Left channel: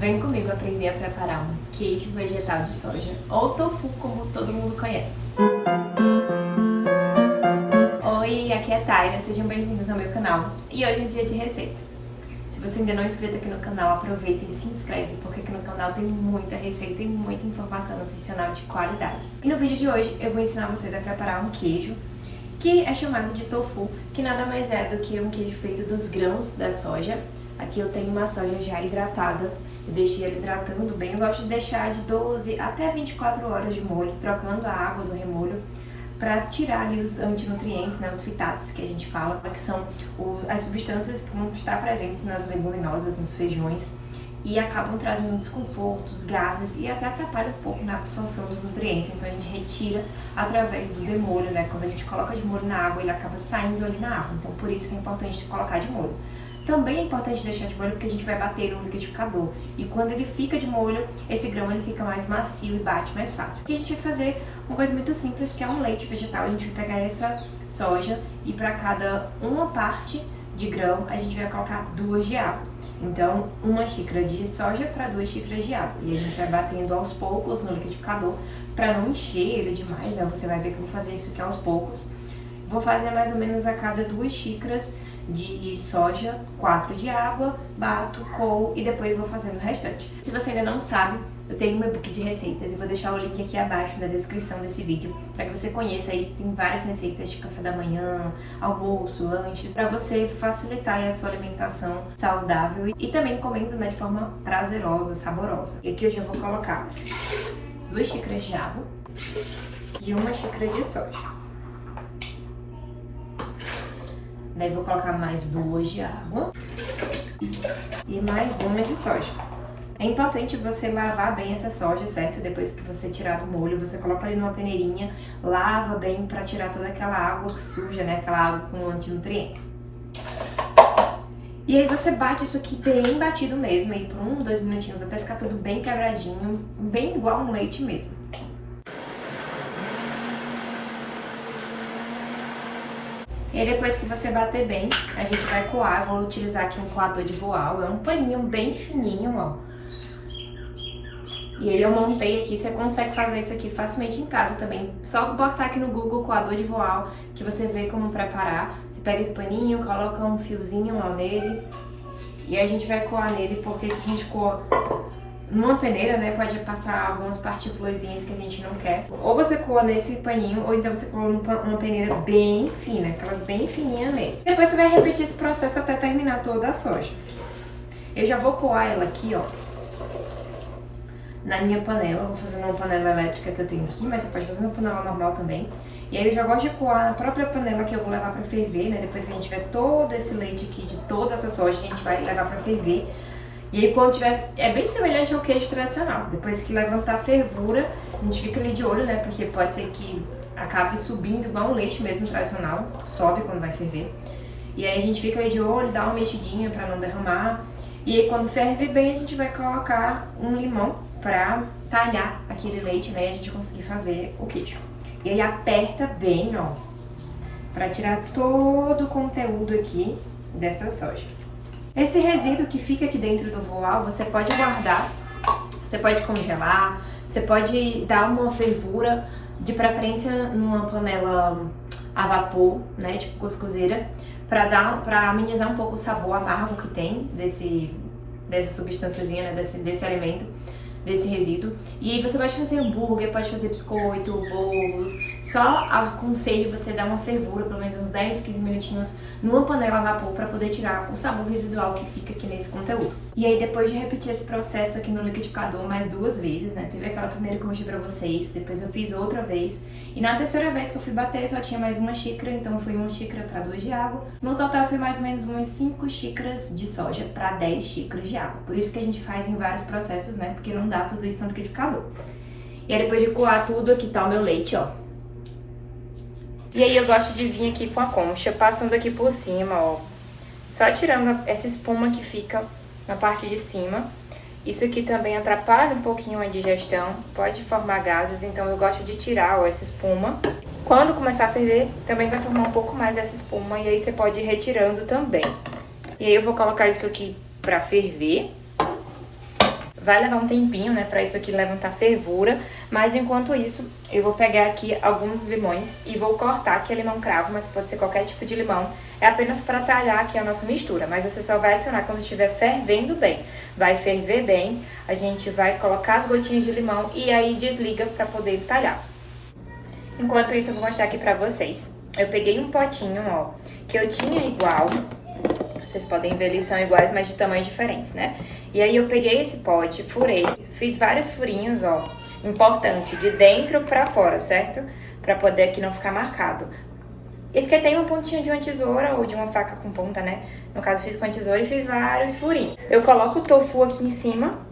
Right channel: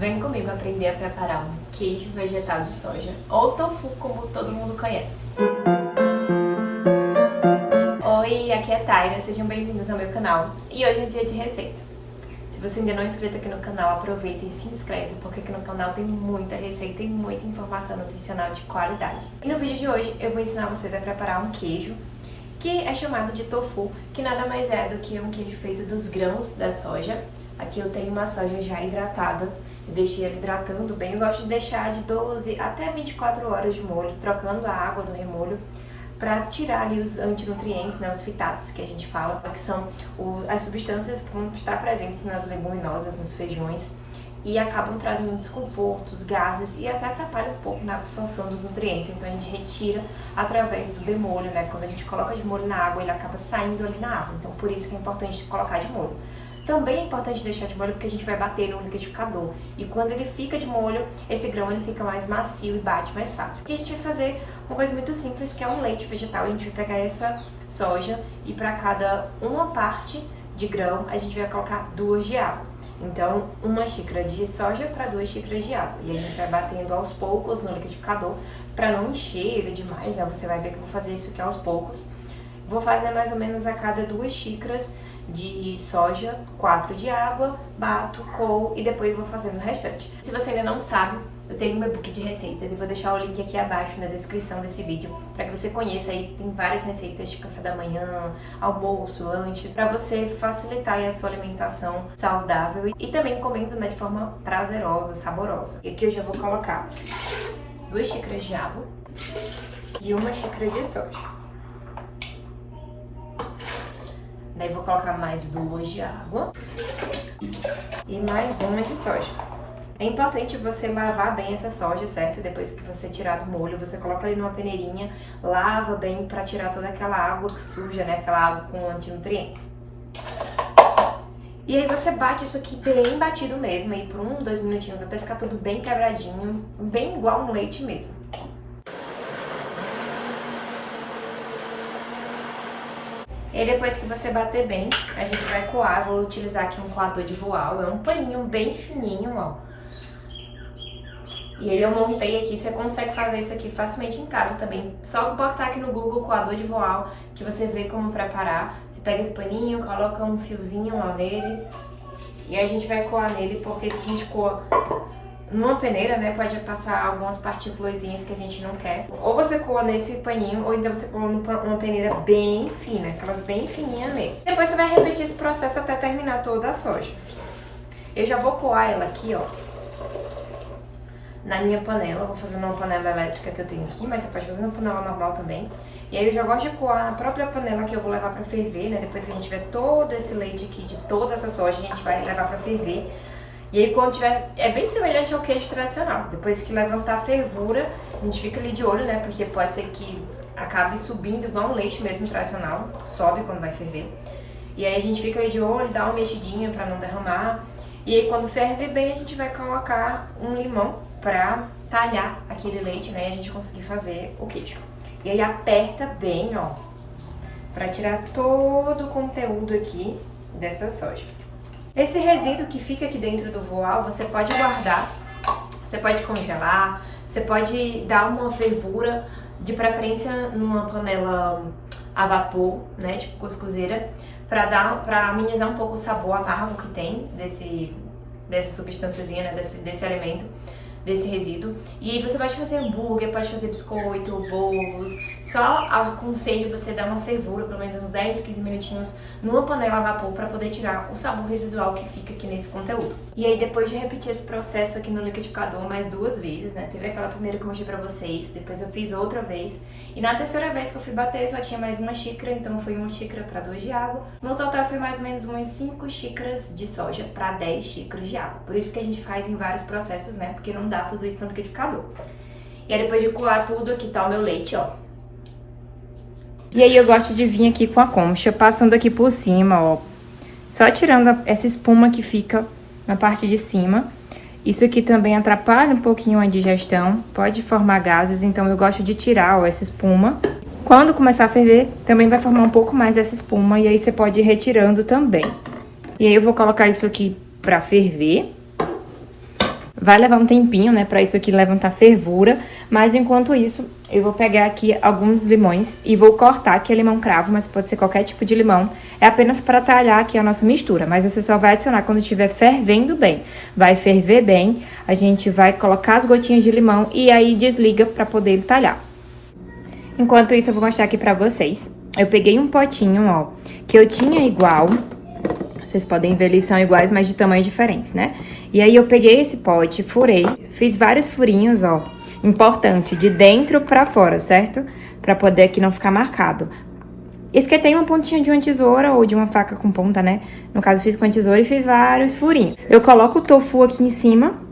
Vem comigo aprender a preparar um queijo vegetal de soja, ou tofu, como todo mundo conhece. Oi, aqui é Taira, sejam bem-vindos ao meu canal e hoje é dia de receita. Se você ainda não é inscrito aqui no canal, aproveita e se inscreve, porque aqui no canal tem muita receita e muita informação nutricional de qualidade. E no vídeo de hoje eu vou ensinar vocês a preparar um queijo que é chamado de tofu, que nada mais é do que um queijo feito dos grãos da soja. Aqui eu tenho uma soja já hidratada. Eu deixei ele hidratando bem. Eu gosto de deixar de 12 até 24 horas de molho, trocando a água do remolho para tirar ali os antinutrientes, né, os fitatos que a gente fala, que são as substâncias que vão estar presentes nas leguminosas, nos feijões e acabam trazendo desconfortos, gases e até atrapalham um pouco na absorção dos nutrientes. Então a gente retira através do demolho, né? Quando a gente coloca de molho na água, ele acaba saindo ali na água. Então por isso que é importante colocar de molho. Também é importante deixar de molho porque a gente vai bater no liquidificador. E quando ele fica de molho, esse grão ele fica mais macio e bate mais fácil. Porque a gente vai fazer uma coisa muito simples, que é um leite vegetal. A gente vai pegar essa soja e para cada uma parte de grão, a gente vai colocar 2 de água. Então, 1 xícara de soja para 2 xícaras de água. E a gente vai batendo aos poucos no liquidificador para não encher ele demais, né? Você vai ver que eu vou fazer isso aqui aos poucos. Vou fazer mais ou menos a cada 2 xícaras de soja, 4 de água, bato, coo e depois vou fazendo o restante. Se você ainda não sabe, eu tenho um e-book de receitas e vou deixar o link aqui abaixo na descrição desse vídeo para que você conheça aí. Tem várias receitas de café da manhã, almoço, lanches, para você facilitar aí a sua alimentação saudável e também comendo, né, de forma prazerosa, saborosa. E aqui eu já vou colocar 2 xícaras de água e 1 xícara de soja. Daí vou colocar mais 2 de água e mais 1 de soja. É importante você lavar bem essa soja, certo? Depois que você tirar do molho, você coloca ali numa peneirinha, lava bem pra tirar toda aquela água suja, né? Aquela água com antinutrientes. E aí você bate isso aqui bem batido mesmo, aí por 1, 2 minutinhos, até ficar tudo bem quebradinho, bem igual um leite mesmo. E aí depois que você bater bem, a gente vai coar. Eu vou utilizar aqui um coador de voal, é um paninho bem fininho, ó. E aí eu montei aqui, você consegue fazer isso aqui facilmente em casa também. Só botar aqui no Google coador de voal, que você vê como preparar. Você pega esse paninho, coloca um fiozinho ó, nele, e aí a gente vai coar nele, porque se a gente coa numa peneira, né, pode passar algumas partículazinhas que a gente não quer. Ou você coa nesse paninho, ou então você coa numa peneira bem fina, aquelas bem fininhas mesmo. Depois você vai repetir esse processo até terminar toda a soja. Eu já vou coar ela aqui, ó, na minha panela. Vou fazer numa panela elétrica que eu tenho aqui, mas você pode fazer numa panela normal também. E aí eu já gosto de coar na própria panela que eu vou levar pra ferver, né, depois que a gente tiver todo esse leite aqui de toda essa soja, a gente vai levar pra ferver. E aí quando tiver, é bem semelhante ao queijo tradicional. Depois que levantar a fervura, a gente fica ali de olho, né? Porque pode ser que acabe subindo igual um leite mesmo tradicional, sobe quando vai ferver. E aí a gente fica ali de olho, dá uma mexidinha pra não derramar. E aí quando ferve bem, a gente vai colocar um limão pra talhar aquele leite, né? E a gente conseguir fazer o queijo. E aí aperta bem, ó, pra tirar todo o conteúdo aqui dessa soja. Esse resíduo que fica aqui dentro do voal, você pode guardar, você pode congelar, você pode dar uma fervura, de preferência numa panela a vapor, né, tipo cuscuzeira, para amenizar um pouco o sabor amargo que tem dessa substânciazinha, né, desse alimento, desse resíduo. E aí você pode fazer hambúrguer, pode fazer biscoito, bolos. Só aconselho você dar uma fervura, pelo menos uns 10, 15 minutinhos numa panela a vapor para poder tirar o sabor residual que fica aqui nesse conteúdo. E aí depois de repetir esse processo aqui no liquidificador mais 2 vezes, né? Teve aquela primeira que eu mostrei pra vocês, depois eu fiz outra vez. E na terceira vez que eu fui bater só tinha mais 1 xícara, então foi 1 xícara para 2 de água. No total foi mais ou menos umas 5 xícaras de soja para 10 xícaras de água. Por isso que a gente faz em vários processos, né? Porque não dá tudo isso no liquidificador. E aí depois de coar tudo, aqui tá o meu leite, ó. E aí eu gosto de vir aqui com a concha, passando aqui por cima, ó. Só tirando essa espuma que fica na parte de cima. Isso aqui também atrapalha um pouquinho a digestão, pode formar gases, então eu gosto de tirar, ó, essa espuma. Quando começar a ferver, também vai formar um pouco mais dessa espuma, e aí você pode ir retirando também. E aí eu vou colocar isso aqui pra ferver. Vai levar um tempinho, né, pra isso aqui levantar fervura, mas enquanto isso, eu vou pegar aqui alguns limões e vou cortar aqui a limão cravo, mas pode ser qualquer tipo de limão. É apenas para talhar aqui a nossa mistura, mas você só vai adicionar quando estiver fervendo bem. Vai ferver bem, a gente vai colocar as gotinhas de limão e aí desliga pra poder talhar. Enquanto isso, eu vou mostrar aqui pra vocês. Eu peguei um potinho, ó, que eu tinha igual. Vocês podem ver, eles são iguais, mas de tamanho diferentes, né? E aí eu peguei esse pote, furei, fiz vários furinhos, ó. Importante, de dentro pra fora, certo? Pra poder aqui não ficar marcado. Esquentei uma pontinha de uma tesoura ou de uma faca com ponta, né? No caso, fiz com a tesoura e fiz vários furinhos. Eu coloco o tofu aqui em cima.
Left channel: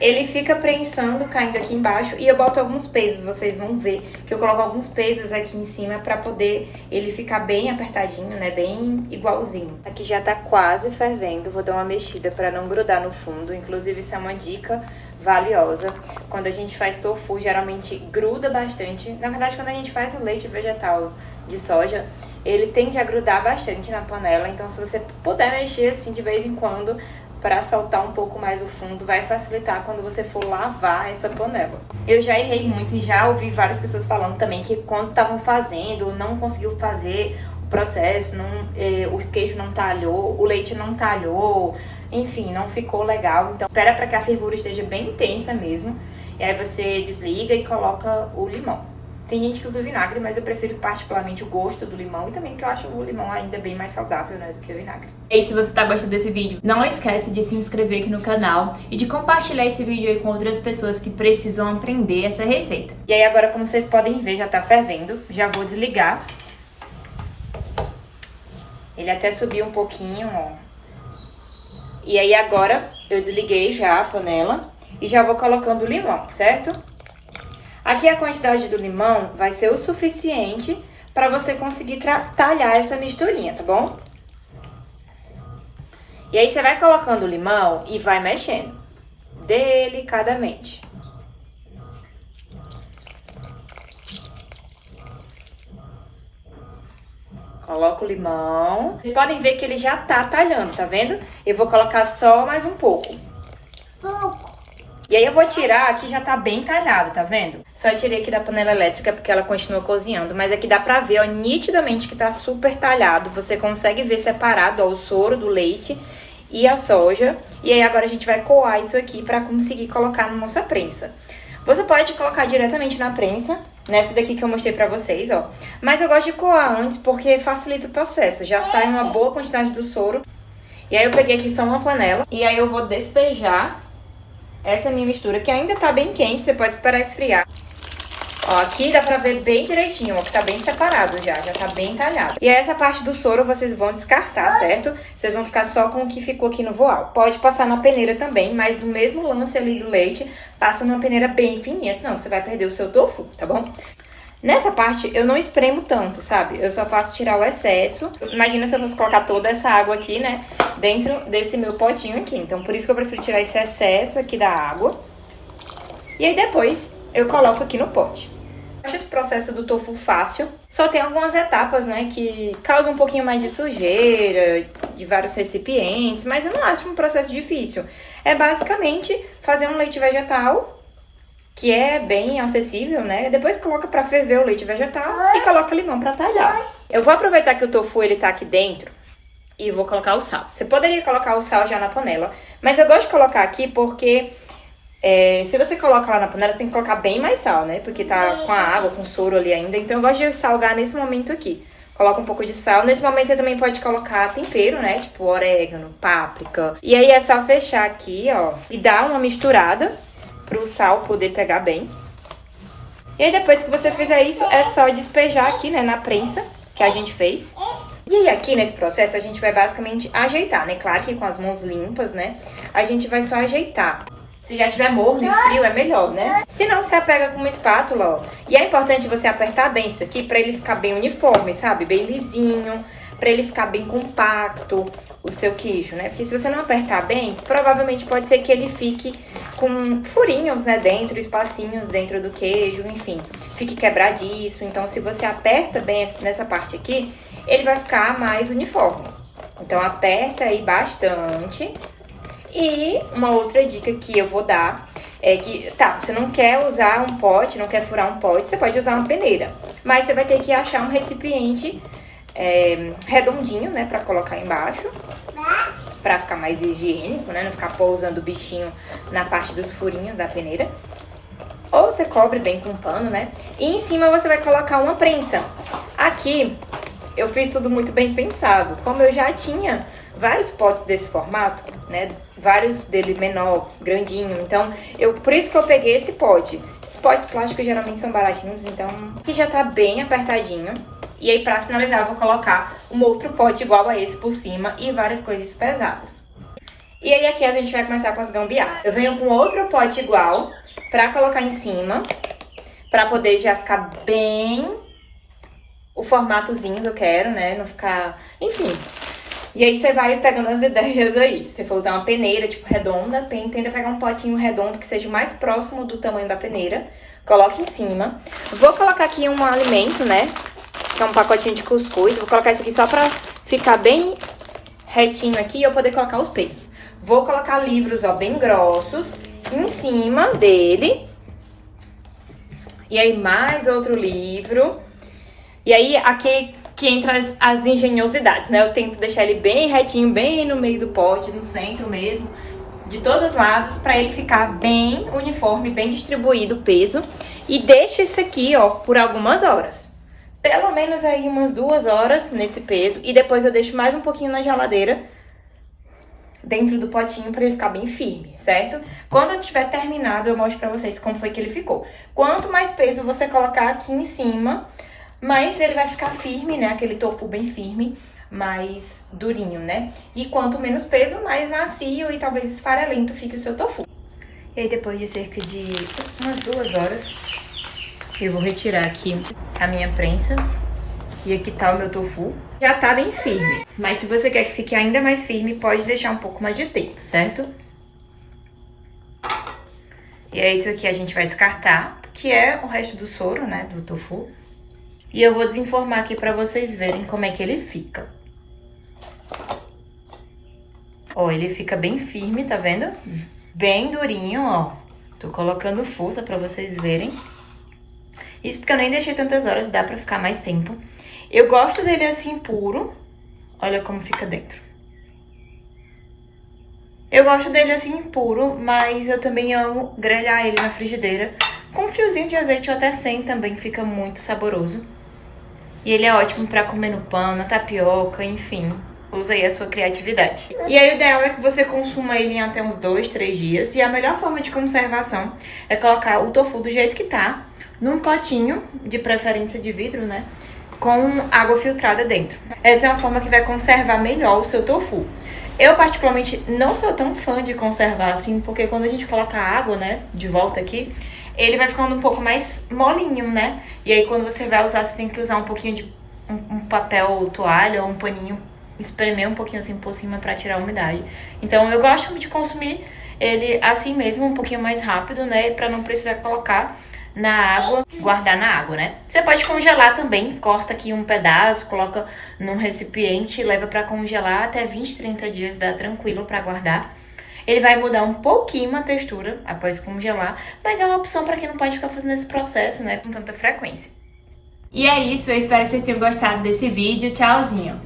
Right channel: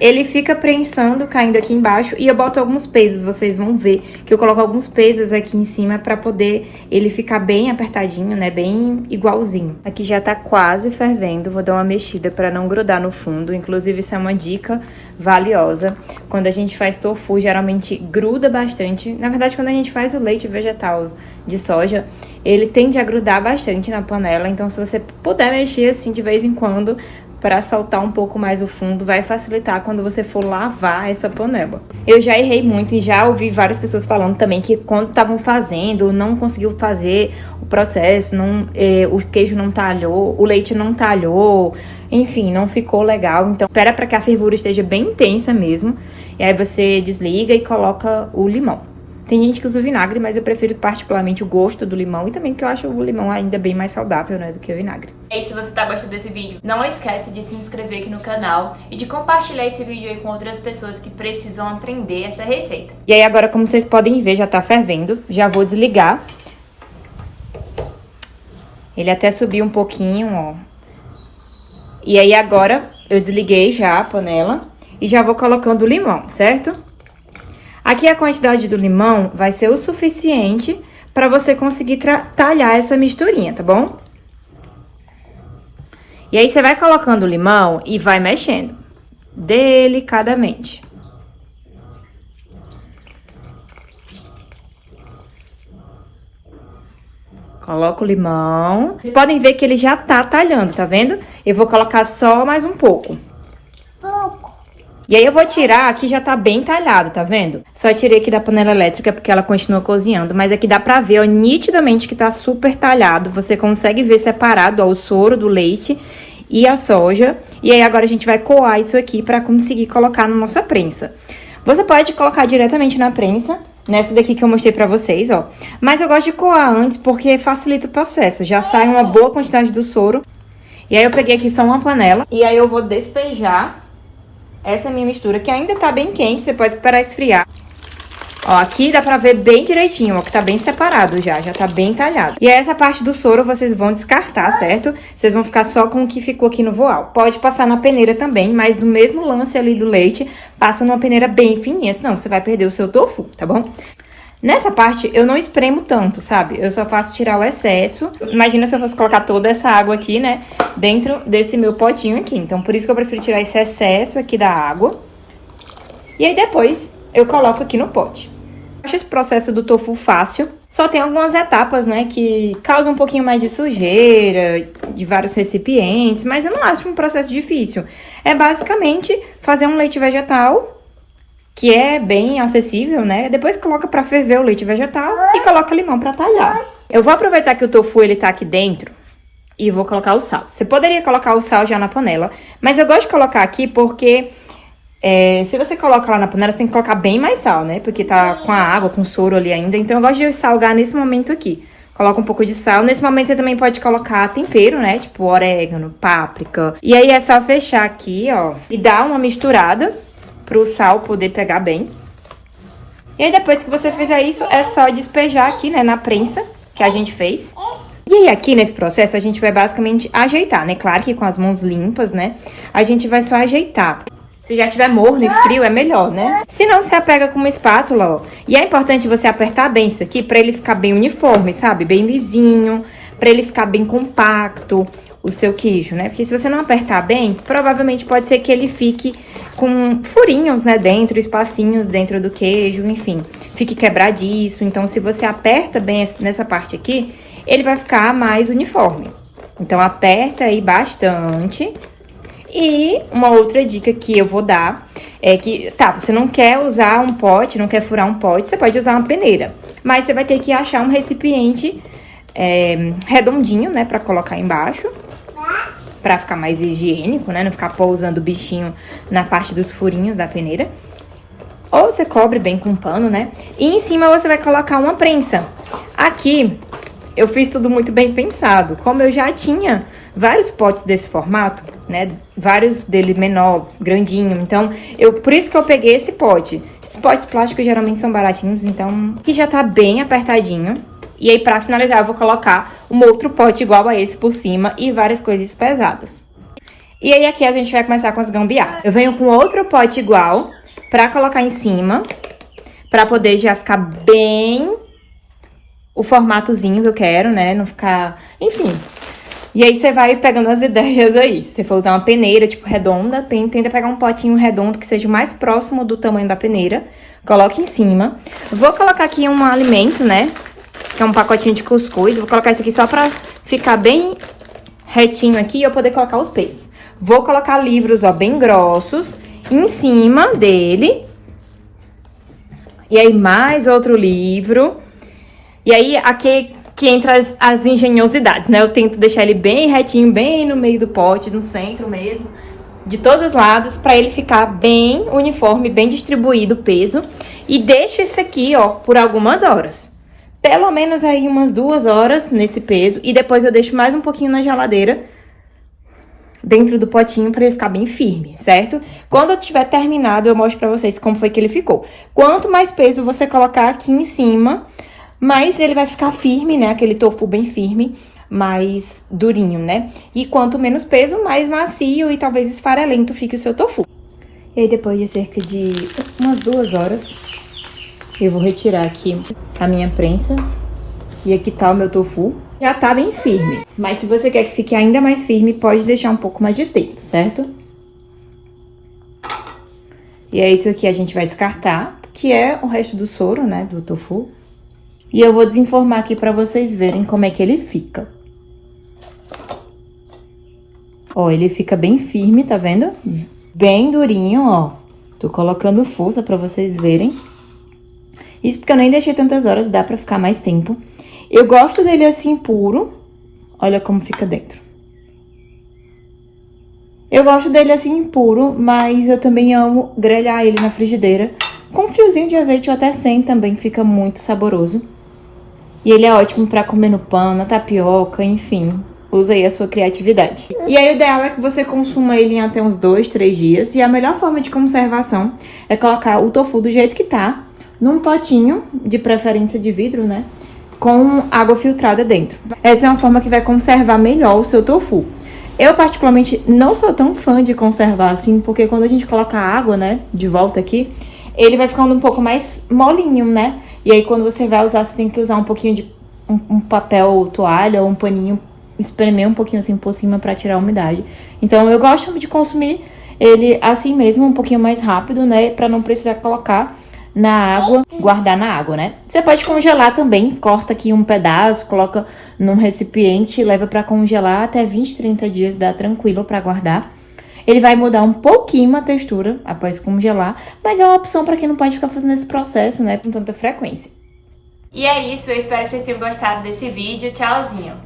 Ele fica prensando, caindo aqui embaixo, e eu boto alguns pesos, vocês vão ver que eu coloco alguns pesos aqui em cima pra poder ele ficar bem apertadinho, né, bem igualzinho. Aqui já tá quase fervendo, vou dar uma mexida pra não grudar no fundo, inclusive isso é uma dica valiosa. Quando a gente faz tofu, geralmente gruda bastante, na verdade quando a gente faz o leite vegetal de soja, ele tende a grudar bastante na panela, então se você puder mexer assim de vez em quando, para soltar um pouco mais o fundo, vai facilitar quando você for lavar essa panela. Eu já errei muito e já ouvi várias pessoas falando também que quando estavam fazendo, não conseguiu fazer o processo, o queijo não talhou, o leite não talhou, enfim, não ficou legal. Então, espera para que a fervura esteja bem intensa mesmo, e aí você desliga e coloca o limão. Tem gente que usa vinagre, mas eu prefiro particularmente o gosto do limão e também porque eu acho o limão ainda bem mais saudável, né, do que o vinagre. E se você tá gostando desse vídeo, não esquece de se inscrever aqui no canal e de compartilhar esse vídeo aí com outras pessoas que precisam aprender essa receita. E aí agora, como vocês podem ver, já tá fervendo, já vou desligar. Ele até subiu um pouquinho, ó. E aí agora eu desliguei já a panela e já vou colocando o limão, certo? Aqui a quantidade do limão vai ser o suficiente para você conseguir talhar essa misturinha, tá bom? E aí você vai colocando o limão e vai mexendo delicadamente. Coloca o limão. Vocês podem ver que ele já tá talhando, tá vendo? Eu vou colocar só mais um pouco. E aí eu vou tirar, aqui já tá bem talhado, tá vendo? Só tirei aqui da panela elétrica porque ela continua cozinhando, mas aqui dá pra ver, ó, nitidamente que tá super talhado. Você consegue ver separado, ó, o soro do leite e a soja. E aí agora a gente vai coar isso aqui pra conseguir colocar na nossa prensa. Você pode colocar diretamente na prensa, nessa daqui que eu mostrei pra vocês, ó. Mas eu gosto de coar antes porque facilita o processo, já sai uma boa quantidade do soro. E aí eu peguei aqui só uma panela e aí eu vou despejar essa minha mistura, que ainda tá bem quente, você pode esperar esfriar. Ó, aqui dá pra ver bem direitinho, ó, que tá bem separado já tá bem talhado. E essa parte do soro vocês vão descartar, certo? Vocês vão ficar só com o que ficou aqui no voal. Pode passar na peneira também, mas no mesmo lance ali do leite, passa numa peneira bem fininha, senão você vai perder o seu tofu, tá bom? Nessa parte, eu não espremo tanto, sabe? Eu só faço tirar o excesso. Imagina se eu fosse colocar toda essa água aqui, né? Dentro desse meu potinho aqui. Então, por isso que eu prefiro tirar esse excesso aqui da água. E aí, depois, eu coloco aqui no pote. Eu acho esse processo do tofu fácil. Só tem algumas etapas, né? Que causam um pouquinho mais de sujeira, de vários recipientes. Mas eu não acho um processo difícil. É basicamente fazer um leite vegetal, que é bem acessível, né? Depois coloca pra ferver o leite vegetal e coloca limão pra talhar. Eu vou aproveitar que o tofu, ele tá aqui dentro e vou colocar o sal. Você poderia colocar o sal já na panela, mas eu gosto de colocar aqui porque se você coloca lá na panela, você tem que colocar bem mais sal, né? Porque tá com a água, com o soro ali ainda, então eu gosto de salgar nesse momento aqui. Coloca um pouco de sal. Nesse momento você também pode colocar tempero, né? Tipo orégano, páprica. E aí é só fechar aqui, ó, e dar uma misturada pro sal poder pegar bem. E aí depois que você fizer isso, é só despejar aqui, né, na prensa que a gente fez. E aí aqui nesse processo a gente vai basicamente ajeitar, né? Claro que com as mãos limpas, né? A gente vai só ajeitar. Se já tiver morno e frio, é melhor, né? Se não, você pega com uma espátula, ó. E é importante você apertar bem isso aqui pra ele ficar bem uniforme, sabe? Bem lisinho, pra ele ficar bem compacto, o seu queijo, né? Porque se você não apertar bem, provavelmente pode ser que ele fique com furinhos, né, dentro, espacinhos dentro do queijo, enfim, fique quebradiço. Então, se você aperta bem nessa parte aqui, ele vai ficar mais uniforme. Então, aperta aí bastante E uma outra dica que eu vou dar é que, tá, você não quer usar um pote, não quer furar um pote, você pode usar uma peneira. Mas você vai ter que achar um recipiente redondinho, né, pra colocar embaixo. Pra ficar mais higiênico, né, não ficar pousando o bichinho na parte dos furinhos da peneira. Ou você cobre bem com pano, né? E em cima você vai colocar uma prensa. Aqui eu fiz tudo muito bem pensado. Como eu já tinha vários potes desse formato, né? Vários dele menor, grandinho. Então, por isso que eu peguei esse pote. Esses potes plásticos geralmente são baratinhos, então aqui já tá bem apertadinho. E aí, pra finalizar, eu vou colocar um outro pote igual a esse por cima e várias coisas pesadas. E aí, aqui a gente vai começar com as gambiarras. Eu venho com outro pote igual pra colocar em cima, pra poder já ficar bem o formatozinho que eu quero, né? Não ficar... Enfim. E aí, você vai pegando as ideias aí. Se você for usar uma peneira, tipo, redonda, tenta pegar um potinho redondo que seja o mais próximo do tamanho da peneira. Coloque em cima. Vou colocar aqui um alimento, né? Que é um pacotinho de cuscuz. Vou colocar isso aqui só pra ficar bem retinho aqui e eu poder colocar os pesos. Vou colocar livros, ó, bem grossos em cima dele. E aí, mais outro livro. E aí, aqui que entra as engenhosidades, né? Eu tento deixar ele bem retinho, bem no meio do pote, no centro mesmo, de todos os lados, pra ele ficar bem uniforme, bem distribuído o peso. E deixo isso aqui, ó, por algumas horas. Pelo menos aí umas 2 horas nesse peso. E depois eu deixo mais um pouquinho na geladeira, dentro do potinho, pra ele ficar bem firme, certo? Quando eu tiver terminado, eu mostro pra vocês como foi que ele ficou. Quanto mais peso você colocar aqui em cima, mais ele vai ficar firme, né? Aquele tofu bem firme, mais durinho, né? E quanto menos peso, mais macio e talvez esfarelento fique o seu tofu. E aí, depois de cerca de umas 2 horas, eu vou retirar aqui a minha prensa. E aqui tá o meu tofu. Já tá bem firme. Mas se você quer que fique ainda mais firme, pode deixar um pouco mais de tempo, certo? E é isso aqui a gente vai descartar, que é o resto do soro, né, do tofu. E eu vou desenformar aqui pra vocês verem como é que ele fica. Ó, ele fica bem firme, tá vendo? Bem durinho, ó. Tô colocando força pra vocês verem. Isso porque eu nem deixei tantas horas, dá pra ficar mais tempo. Eu gosto dele assim puro. Olha como fica dentro. Eu gosto dele assim puro, mas eu também amo grelhar ele na frigideira. Com um fiozinho de azeite ou até sem também fica muito saboroso. E ele é ótimo pra comer no pão, na tapioca, enfim. Usa aí a sua criatividade. E aí o ideal é que você consuma ele em até uns 2, 3 dias. E a melhor forma de conservação é colocar o tofu do jeito que tá, num potinho, de preferência de vidro, né? Com água filtrada dentro. Essa é uma forma que vai conservar melhor o seu tofu. Eu particularmente não sou tão fã de conservar assim, porque quando a gente coloca a água, né, de volta aqui, ele vai ficando um pouco mais molinho, né? E aí quando você vai usar, você tem que usar um pouquinho de um papel toalha ou um paninho, espremer um pouquinho assim por cima pra tirar a umidade. Então eu gosto de consumir ele assim mesmo, um pouquinho mais rápido, né, pra não precisar colocar na água, guardar na água, né? Você pode congelar também, corta aqui um pedaço, coloca num recipiente e leva pra congelar até 20, 30 dias, dá tranquilo pra guardar. Ele vai mudar um pouquinho a textura após congelar, mas é uma opção pra quem não pode ficar fazendo esse processo, né, com tanta frequência. E é isso, eu espero que vocês tenham gostado desse vídeo. Tchauzinho!